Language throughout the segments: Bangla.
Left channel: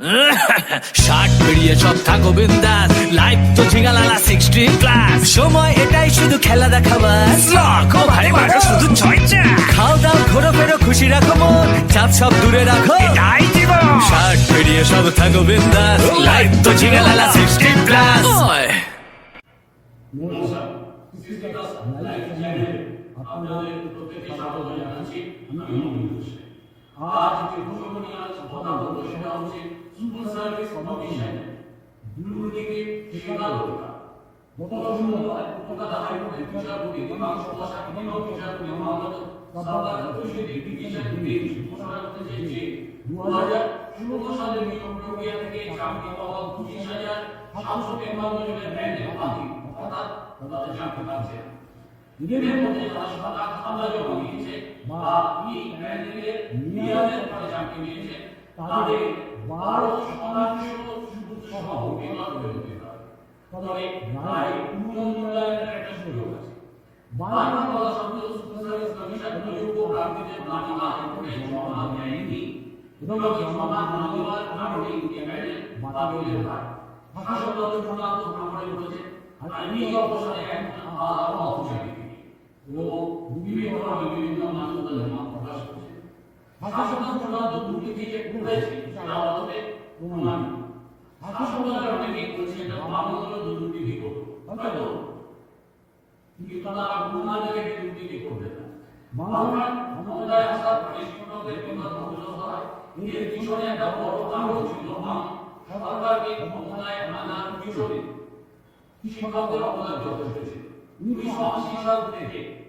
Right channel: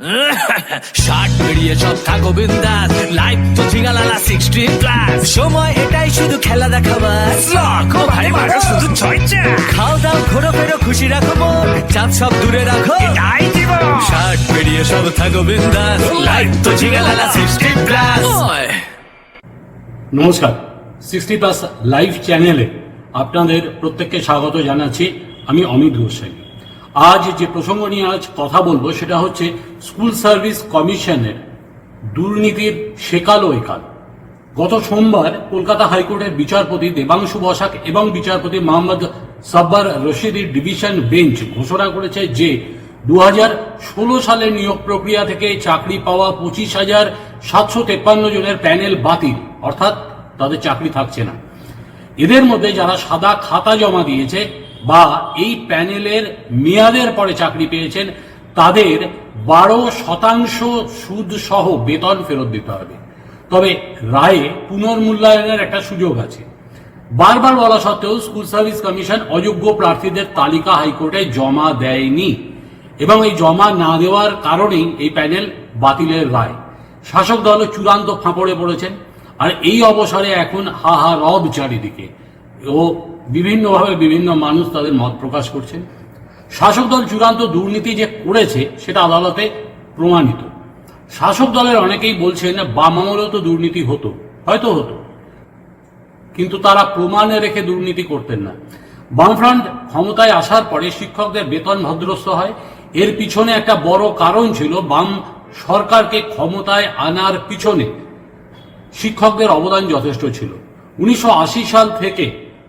শার্ট বেরিয়ে সব থাকো বিন্দাস, লাইফ তো ঝিঙালালা 60+, সময় এটাই শুধু খেলা দেখাবার, লাখো ভাই মারো শুধু চর্চা, খাও দাও ঘোরো ফেরো খুশি রাখো মন, চাপ সব দূরে রাখো এটাই জীবন। শার্ট বেরিয়ে সব থাকো বিন্দাস, লাইফ তো ঝিঙালালা 60+। নমস্কার, 60+ লাইভ চ্যানেলে আপনাদের প্রত্যেককে স্বাগত জানাচ্ছি। আমি অমিত গোস্বামী। আজ যে প্রসঙ্গ নিয়ে আজ কথা বলবো সেটা হচ্ছে স্কুল সার্ভিস কমিশনের দুর্নীতির সেকাল ও একাল। গত সোমবার কলকাতা হাইকোর্টের বিচারপতি দেবাংশু বসাক এবং বিচারপতি মোহাম্মদ সাব্বার রশিদির ডিভিশন বেঞ্চ ঘোষণা করেছে যে 2016 সালের নিয়োগ প্রক্রিয়া থেকে চাকরি পাওয়া 25,753 জনের প্যানেল বাতিল, অর্থাৎ তাদের চাকরি থাকছে না। এদের মধ্যে যারা সাদা খাতা জমা দিয়েছে বা এই প্যানেলের মেয়াদের পরে চাকরি পেয়েছেন তাদের 12% সুদ সহ বেতন ফেরত দিতে হবে। তবে রায়ে পুনর্মূল্যায়নের একটা সুযোগ আছে। বারবার বলা সত্ত্বেও স্কুল সার্ভিস কমিশন অযোগ্য প্রার্থীদের তালিকা হাইকোর্টে জমা দেয়নি এবং এই জমা না দেওয়ার কারণেই এই প্যানেল বাতিলের রায়। শাসক দল চূড়ান্ত ফাঁপড়ে পড়েছেন। আর এই অবসরে এখন হাহা রব চারিদিকে ও বিভিন্নভাবে বিভিন্ন মানুষ তাদের মত প্রকাশ করছেন। শাসক দল চূড়ান্ত দুর্নীতি যে করেছে সেটা আদালতে প্রমাণিত। শাসক দলের অনেকেই বলছেন বাম আমলেও তো দুর্নীতি হতো, হয়তো হতো, কিন্তু তারা প্রমাণে রেখে দুর্নীতি করতেন না। বামফ্রন্ট ক্ষমতায় আসার পরে শিক্ষকদের বেতন ভদ্রস্থ হয়। এর পিছনে একটা বড় কারণ ছিল বাম সরকারকে ক্ষমতায় আনার পিছনে শিক্ষকদের অবদান যথেষ্ট ছিল। 1980 সাল থেকে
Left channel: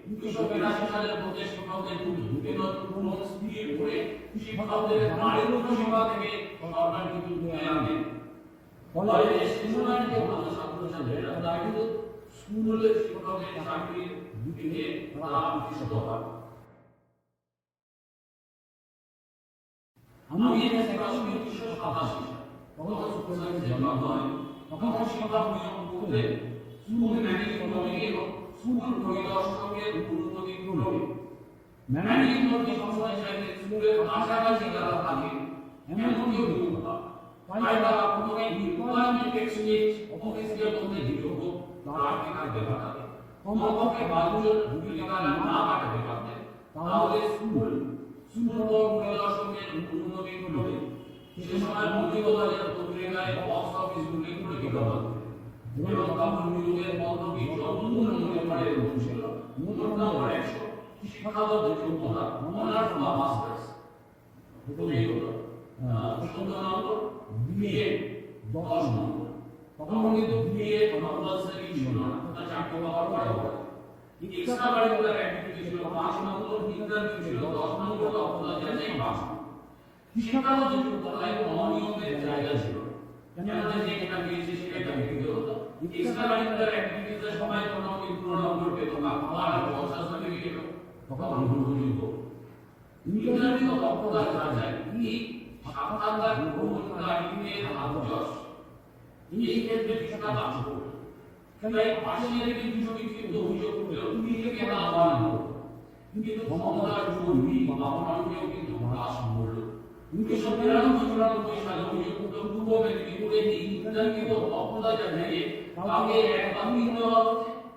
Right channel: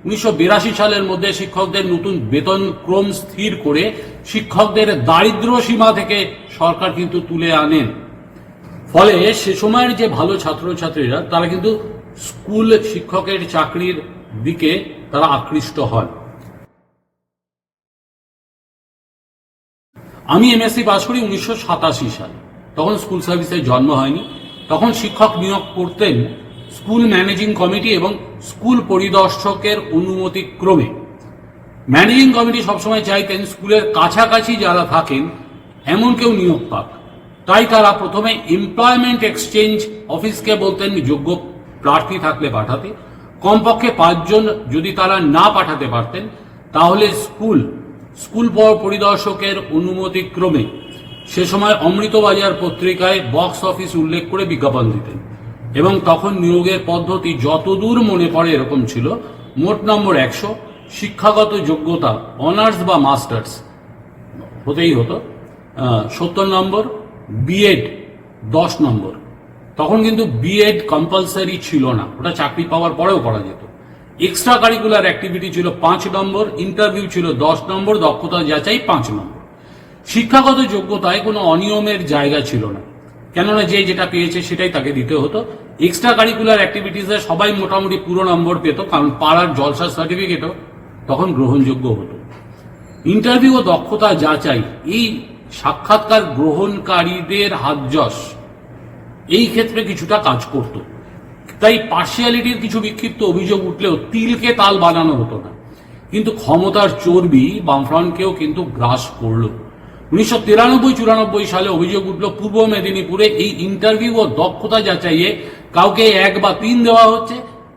1982 সালের মধ্যে শিক্ষকদের নতুন বেতন ক্রম স্থির করে শিক্ষকদের দারিদ্র সীমা থেকে সরকার কিন্তু তুলে আনেন। ফলে সে সময়ের যে ভালো ছাত্রছাত্রীরা তারা কিন্তু স্কুল শিক্ষকের চাকরির দিকে তারা আকৃষ্ট হয়। আমি এমএসসি পাস করি 1987 সালে। তখন স্কুল সার্ভিসের জন্ম হয়নি। তখন শিক্ষক নিয়োগ করতেন স্কুল ম্যানেজিং কমিটি এবং স্কুল পরিদর্শকের অনুমতি ক্রমে। ম্যানেজিং কমিটি সবসময় চাইতেন স্কুলের কাছাকাছি যারা থাকেন এমন কেউ নিয়োগ পাক। তাই তারা প্রথমে এমপ্লয়মেন্ট এক্সচেঞ্জ অফিসকে বলতেন যোগ্য প্রার্থী থাকলে পাঠাতে। কমপক্ষে 5 জন যদি তারা না পাঠাতে পারতেন তাহলে স্কুল পরিদর্শকের অনুমতি ক্রমে সে সময় অমৃতবাজার পত্রিকায় বক্স অফিস উল্লেখ করে বিজ্ঞাপন দিতেন এবং তখন নিয়োগের পদ্ধতি যতদূর মনে পড়ে এরকম ছিল: মোট নম্বর 100, শিক্ষাগত যোগ্যতা অনার্স বা মাস্টার্স হতেই হতো 70 নম্বর, বিএড 10 নম্বর। তখন কিন্তু বিএড কম্পালসারি ছিল না, ওটা চাকরি পাওয়ার পরেও করা যেত। এক্সট্রা কারিকুলার অ্যাক্টিভিটি ছিল 5 নম্বর, ইন্টারভিউ ছিল 10 নম্বর, দক্ষতা যাচাই 5 নম্বর। শিক্ষাগত যোগ্যতায় কোনো অনিয়মের জায়গা ছিল না, কেননা যে যেটা পেয়েছে সেটাই তাকে দিতে হতো। এক্সট্রা কারিকুলার অ্যাক্টিভিটিসে সবাই মোটামুটি পুরো নম্বর পেত, কারণ পাড়ার জলসার সার্টিফিকেটও তখন গ্রহণযোগ্য হতো। ইন্টারভিউ ও দক্ষতা যাচাই এই সাক্ষাৎকার গ্রহণকারীদের হাতযশ এই ক্ষেত্রে কিছুটা কাজ করত। তাই পার্সিয়ালিটির কিছু বিক্ষিপ্ত অভিযোগ উঠলেও তিলকে তাল বানানো হতো না। কিন্তু ক্ষমতার চর্বি বামফ্রন্টকেও কিন্তু গ্রাস করল। 1993-94 সালে অভিযোগ উঠল পূর্ব মেদিনীপুরে এই ইন্টারভিউ ও দক্ষতা যাচাইয়ে কাউকে 1 বা 3 দেওয়া হচ্ছে,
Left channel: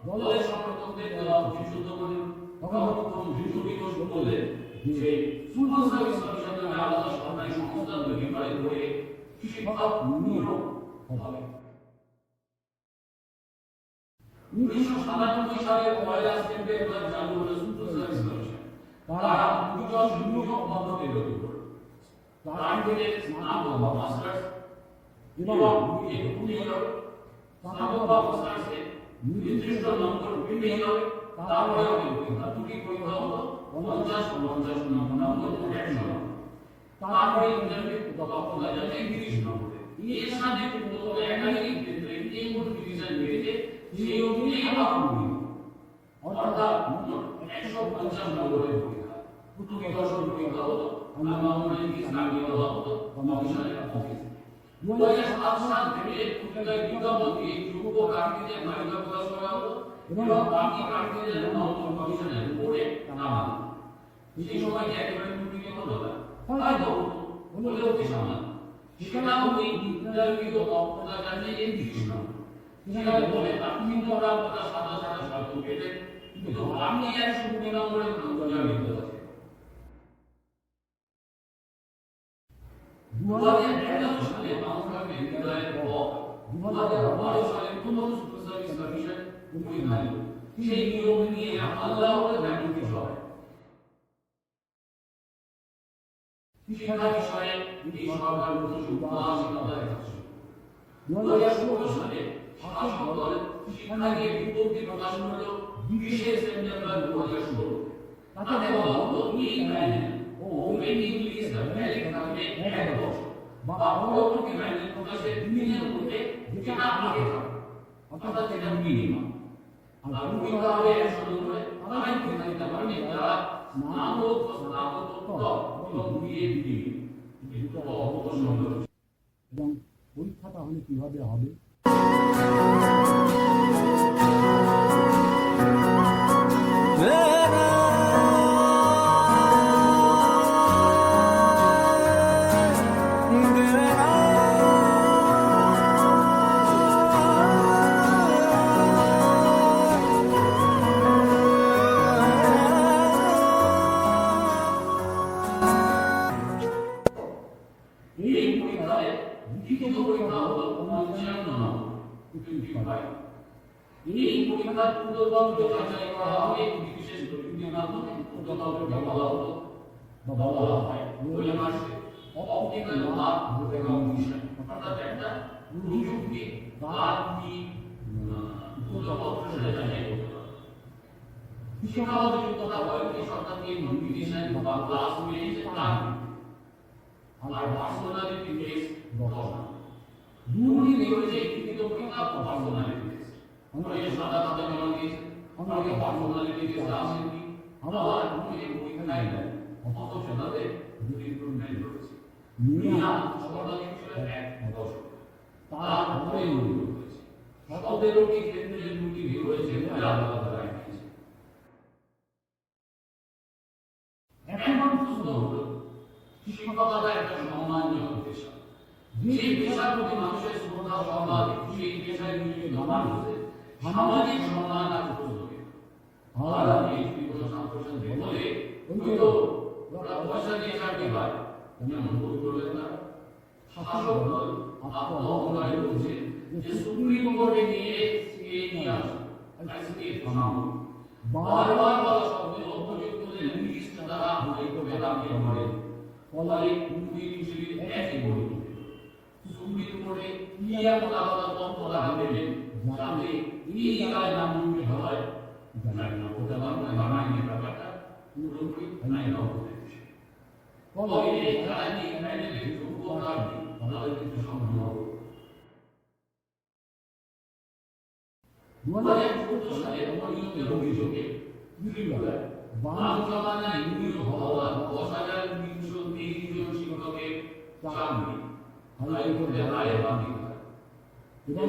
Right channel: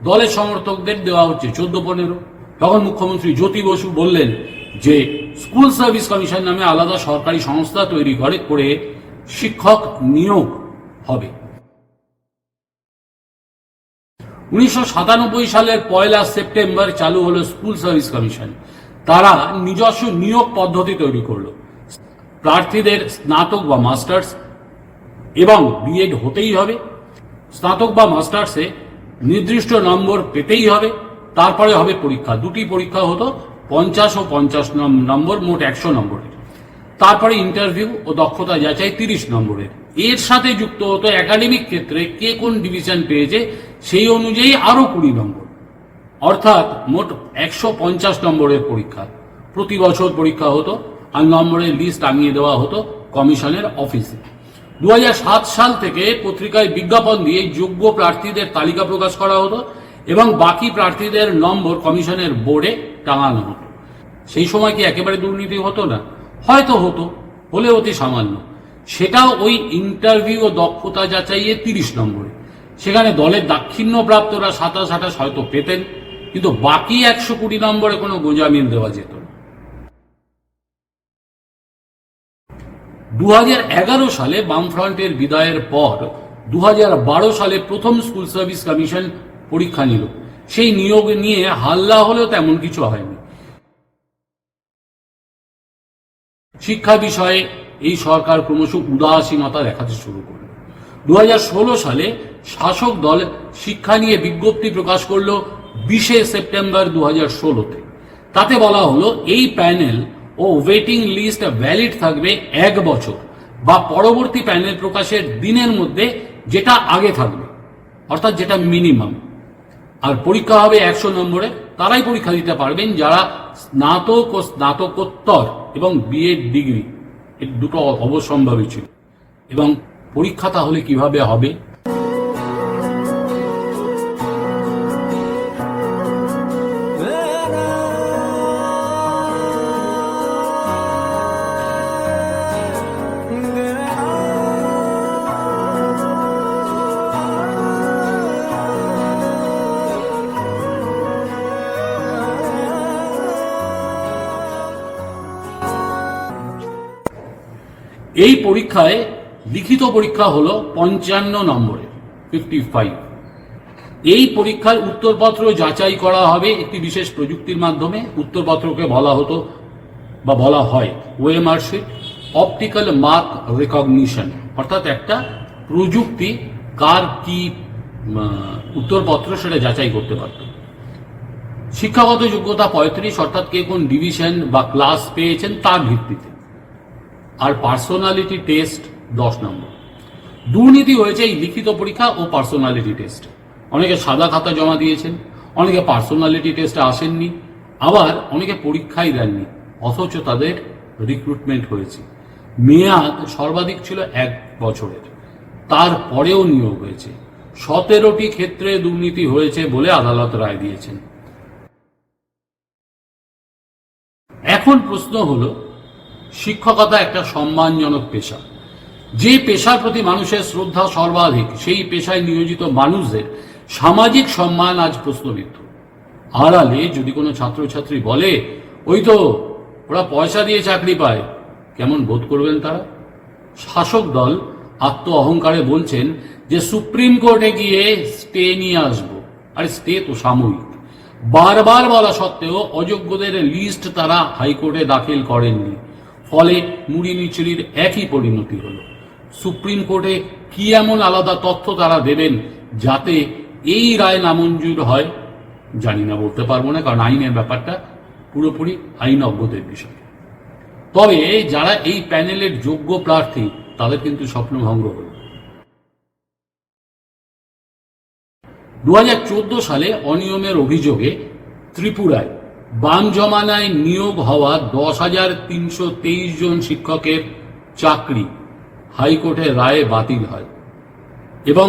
দলের সমর্থকদের দেওয়া হচ্ছে 14-15। তখন মুখ্যমন্ত্রী জ্যোতি বসু বললেন যে স্কুল সার্ভিস কমিশন নামে আলাদা সরকারি সংস্থা তৈরি করে শিক্ষক নিয়োগ হবে। 1997 সালের 1 সেপ্টেম্বর চালু হলো স্কুল সার্ভিস কমিশন। তারা নিজস্ব নিয়োগ পদ্ধতি তৈরি করলো। প্রার্থীদের স্নাতক বা মাস্টার্স এবং বিএড হতেই হবে। স্নাতক বা মাস্টার্সে নির্দিষ্ট নম্বর পেতেই হবে। তারপরে হবে পরীক্ষা, 2টি পরীক্ষা হতো, 50 ও 50 নম্বর, মোট 100 নম্বরের। তারপরে ইন্টারভিউ ও দক্ষতা যাচাই 30 নম্বরের। এর সাথে যুক্ত হতো একাডেমিক ক্ষেত্রে কে কোন ডিভিশন পেয়েছে সেই অনুযায়ী আরো 20 নম্বর, অর্থাৎ মোট 150 নম্বরের পরীক্ষা। প্রতি বছর পরীক্ষা হতো আর নম্বরের লিস্ট টাঙিয়ে দেওয়া হতো কমিশনের অফিসে। 2007 সাল থেকে পত্রিকায় বিজ্ঞাপন দিয়ে যোগ্য প্রার্থীদের তালিকা প্রকাশ করা হতো এবং বাকি প্রার্থীদের নম্বর কমিশনের বোর্ডে টাঙানো হতো। সেই সময় কি একেবারে দুর্নীতি হতো না? হয়তো হতো, হলে অতি সামান্য। সেটাও ওই ইন্টারভিউ ও দক্ষতা যাচাইয়ে 30 নম্বরে। সেখানে দলের দাক্ষিণ্যপ্রাপ্তরা 27-28 হয়তো পেতেন, কিন্তু বাকি 120 নম্বরে কোনো গোঁজামিল দেওয়া যেত না। 2011 সালে বামফ্রন্টের বিদায়ের পর 2012 সালে প্রথম স্কুল সার্ভিস কমিশন পরীক্ষা নিল। সেই নিয়োগ নিয়ে হাল্লা হলেও তেমন কিছু হয়নি। শিক্ষা বিষয়ে এই সরকার ক্রমশ উদাসীনতা দেখাতে শুরু করল। 2016 সালে শাসক দল শিক্ষা নিয়ে বিজ্ঞপ্তি প্রকাশ করল 20 সেপ্টেম্বর 2016-তে। তাতে বলা হলো এই প্যানেল ও ওয়েটিং লিস্ট ভ্যালিড থাকবে 1 বছর বা পরবর্তী প্যানেল প্রকাশের দিনের মধ্যে যেটা আগে থাকবে, অর্থাৎ যেটা মিনিমাম। আর পরীক্ষা হবে 100 নম্বরে। তারাই পরীক্ষা দিতে পারবেন যারা স্নাতক ও স্নাতকোত্তর এবং বিএড ডিগ্রি, এই দুটো অবশ্যম্ভাবী ছিল। এবং পরীক্ষা তাহলে কিভাবে হবে? এই পরীক্ষায় লিখিত পরীক্ষা হলো 55 নম্বরে, 55। এই পরীক্ষার উত্তরপত্র যাচাই করা হবে একটি বিশেষ প্রযুক্তির মাধ্যমে। উত্তরপত্রকে বলা হতো বা বলা হয় OMR sheet, optical mark recognition, অর্থাৎ একটা প্রযুক্তি কার কি উত্তরপত্র সেটা যাচাই করতে পারত। শিক্ষাগত যোগ্যতা 35, অর্থাৎ কে কোন ডিভিশন বা ক্লাস পেয়েছেন তার ভিত্তিতে। আর পার্সোনালিটি টেস্ট 10 নম্বর। দুর্নীতি হয়েছে এই লিখিত পরীক্ষা ও পার্সোনালিটি টেস্ট। অনেকে সাদা খাতা জমা দিয়েছেন, অনেকে পার্সোনালিটি টেস্টে আসেননি, আবার অনেকে পরীক্ষাই দেননি, অথচ তাদের রিক্রুটমেন্ট হয়েছে। মেয়াদ সর্বাধিক ছিল 1 বছরের, তারপরেও নিয়োগ হয়েছে। 17টি ক্ষেত্রে দুর্নীতি হয়েছে বলে আদালত রায় দিয়েছেন। এখন প্রশ্ন হলো, শিক্ষকতা একটা সম্মানজনক পেশা। যে পেশার প্রতি মানুষের শ্রদ্ধা সর্বাধিক, সেই পেশায় নিয়োজিত মানুষদের সামাজিক সম্মান আজ প্রশ্নবিদ্ধ। আড়ালে যদি কোনো ছাত্রছাত্রী বলে ওই তো ওরা পয়সা দিয়ে চাকরি পায়, কেমন বোধ করবেন তারা? শাসক দল আত্ম অহংকারে বলছেন যে সুপ্রিম কোর্টে গিয়ে স্টে নিয়ে আসবো। আরে স্টে তো সাময়িক। বারবার বলা সত্ত্বেও অযোগ্যদের লিস্ট তারা হাইকোর্টে দাখিল করেননি, ফলে মুড়ি মিছিলির একই পরিণতি হলো। সুপ্রিম কোর্টে কি এমন আলাদা তথ্য তারা দেবেন যাতে এই রায় নামঞ্জুর হয়? জানি না, বলতে পারবো না, কারণ আইনের ব্যাপারটা পুরোপুরি আইনজ্ঞদের বিষয়। তবে যারা এই প্যানেলের যোগ্য প্রার্থী তাদের কিন্তু স্বপ্নভঙ্গ হল। 2014 সালে অনিয়মের অভিযোগে ত্রিপুরায় বাম জমানায় নিয়োগ হওয়া 10,323 জন শিক্ষকের চাকরি হাইকোর্টের রায়ে বাতিল হয় এবং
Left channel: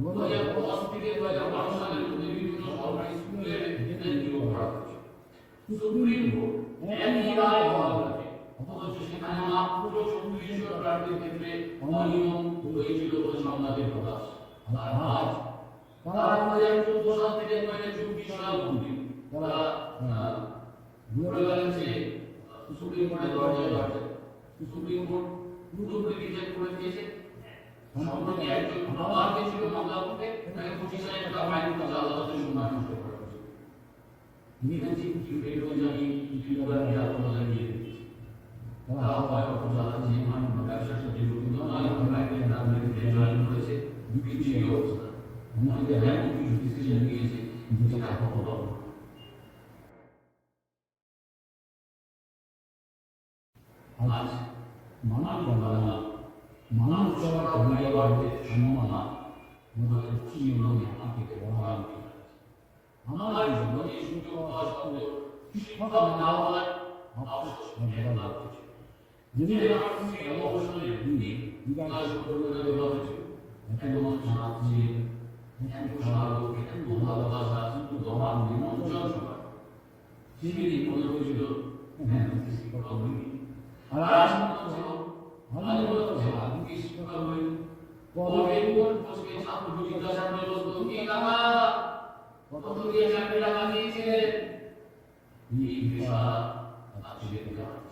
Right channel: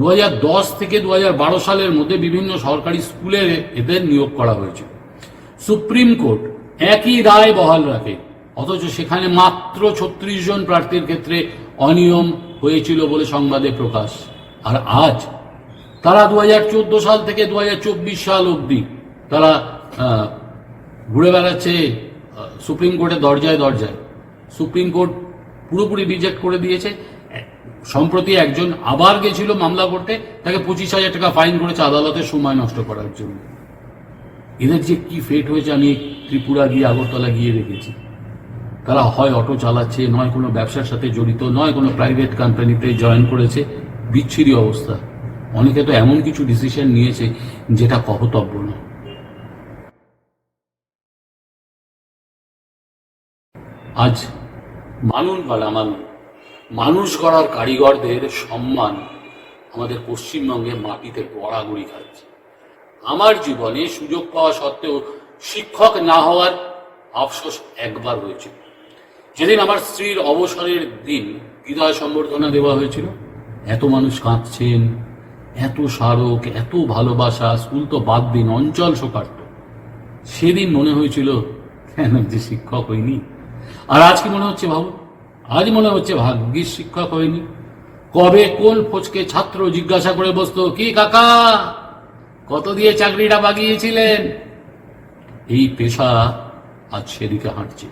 2010 থেকে 2012 সালের মধ্যে বিভিন্ন সরকারি স্কুলে এদের নিয়োগ করা হয়েছিল। সুপ্রিম কোর্ট একই রায় বহাল রাখে, অথচ সেখানে মাত্র 36 জন প্রার্থীর ক্ষেত্রে অনিয়ম হয়েছিল বলে সংবাদে প্রকাশ। আর আজ তারা 2014 সাল থেকে 2024 সাল অবধি তারা ঘুরে বেড়াচ্ছে সুপ্রিম কোর্টের দরজায় দরজায়। সুপ্রিম কোর্ট পুরোপুরি রিজেক্ট করে দিয়েছে। সম্প্রতি একজন আবার গেছিল মামলা করতে, তাকে 25,000 টাকা ফাইন করেছে আদালতের সময় নষ্ট করার জন্য। এদের যে কি ফেট হয়েছে আমি ত্রিপুরা গিয়ে আগরতলা গিয়ে দেখেছি। তারা হয় অটো চালাচ্ছে, নয় কোনো ব্যবসার সাথে জড়িত, নয় কোনো প্রাইভেট কোম্পানিতে জয়েন করেছে। বিচ্ছিরি অবস্থা। অনেকে তো এমন কিছু ডিসিশন নিয়েছে যেটা কহতব্য না। আজ মানুষ বা মানুষ গড়ার কারিগরদের সম্মান আমাদের পশ্চিমবঙ্গে মাটিতে গড়াগড়ি খাচ্ছে। আমার জীবনে সুযোগ পাওয়া সত্ত্বেও শিক্ষক না হওয়ার আফসোস একবার হয়েছিল, যেদিন আমার স্ত্রীর অবসরের দিন বিদায় সম্বর্ধনা দেওয়া হয়েছিল। এত মানুষ কাঁদছেন, এত স্মারক, এত ভালোবাসা, স্কুল তো বাদ দিন, অঞ্চল শোকার্ত। সেদিন মনে হয়েছিল কেন যে শিক্ষক হইনি। আর আজকে মনে হচ্ছে ভাবো আজ মনে হচ্ছে ভাগ্যিস শিক্ষক হয়নি। কবে কোন ফচকে ছাত্র জিজ্ঞাসা করে বসতো, কি কাকা কত দিয়ে চাকরিটা বাগিয়েছিলেন? এই পেশা আজ সেদিকে হাঁটছে।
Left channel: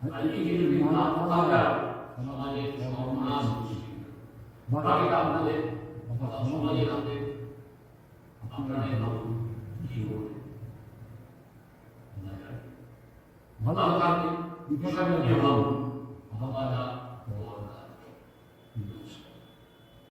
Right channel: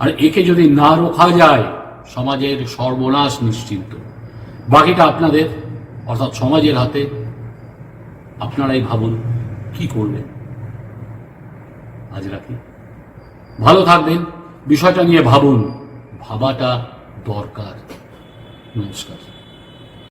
আর একে যদি না রোখা যায় সমাজের সর্বনাশ নিশ্চিন্ত। বাকিটা আপনাদের অর্থাৎ সমাজের হাতে। আপনারাই ভাবুন কি করবেন। আজ রাখি, ভালো থাকবেন, বিষয়টা নিয়ে ভাবুন, ভাবাটা দরকার। নমস্কার।